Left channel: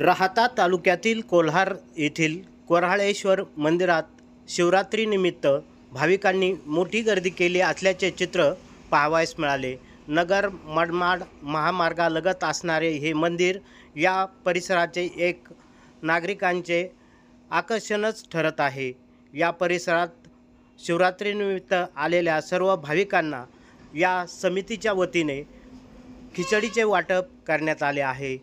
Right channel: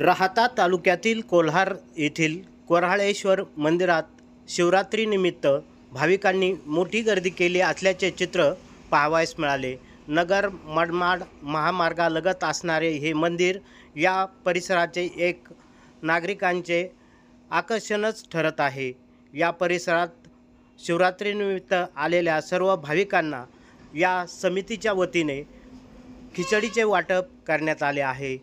राहाता तालुक्यातील कोल्हार येथील कोऱ्हाळेश्वर मंदिरात शिवरात्रीनिमित्त भाविकांनी मोठी गर्दी केली असल्याचे चित्र पाहावयास मिळाले। नगर मनमाड महामार्गालगत असणारे हे मंदिर या परिसराचे एक नागरिकांचे आकर्षणच ठरत आहे। या परिसरात शिवरात्रीनिमित्त आलेल्या सर्व भाविकांना या समितीच्या वतीने खिचडीचे वाटप करण्यात आले आहे।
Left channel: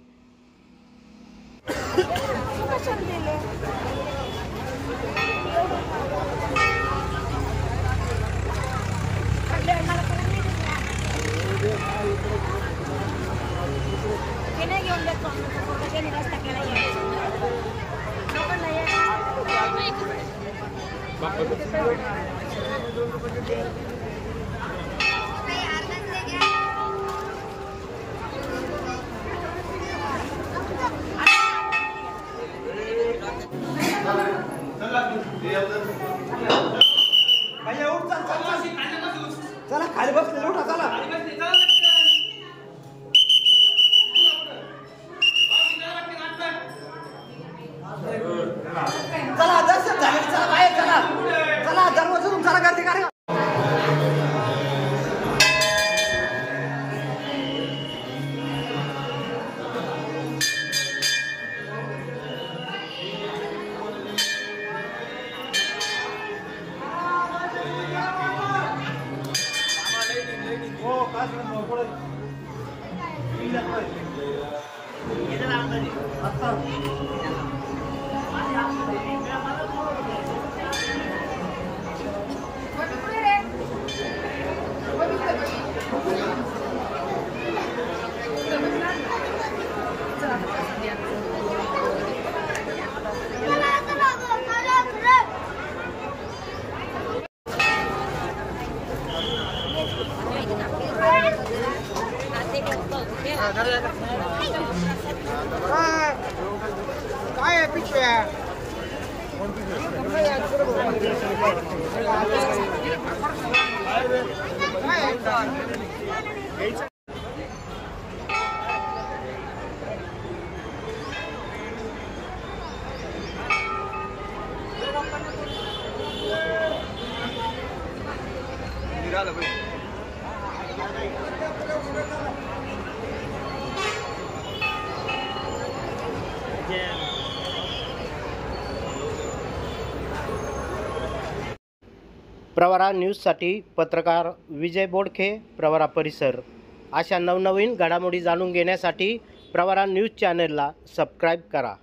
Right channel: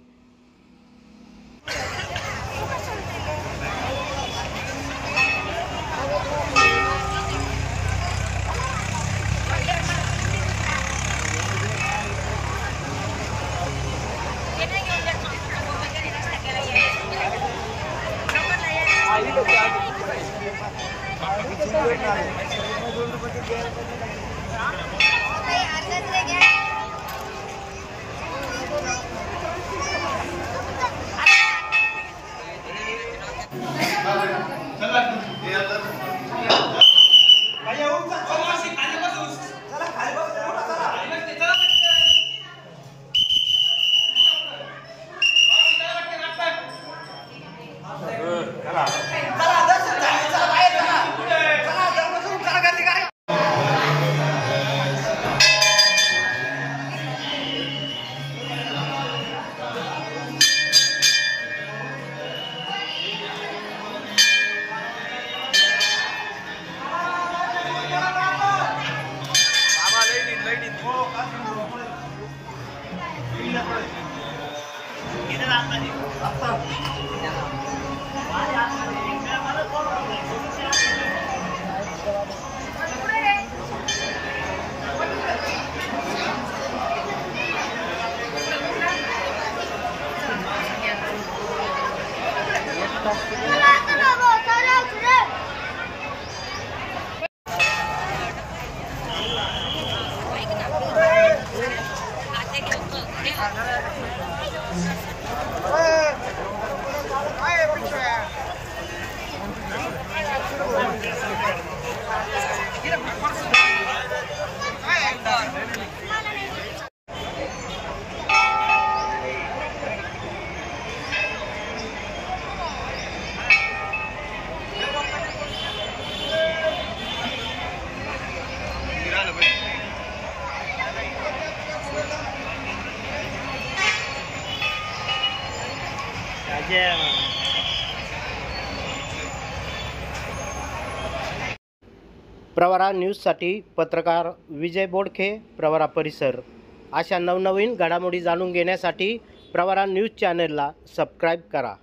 प्रवरा न्यूजसाठी पत्रकार विजय बोडखे, प्रवरा परिसर। अशा नवनवीन घडामोडी जाणून घेण्यासाठी प्रवरा न्यूज चॅनलला सबस्क्राईब करा।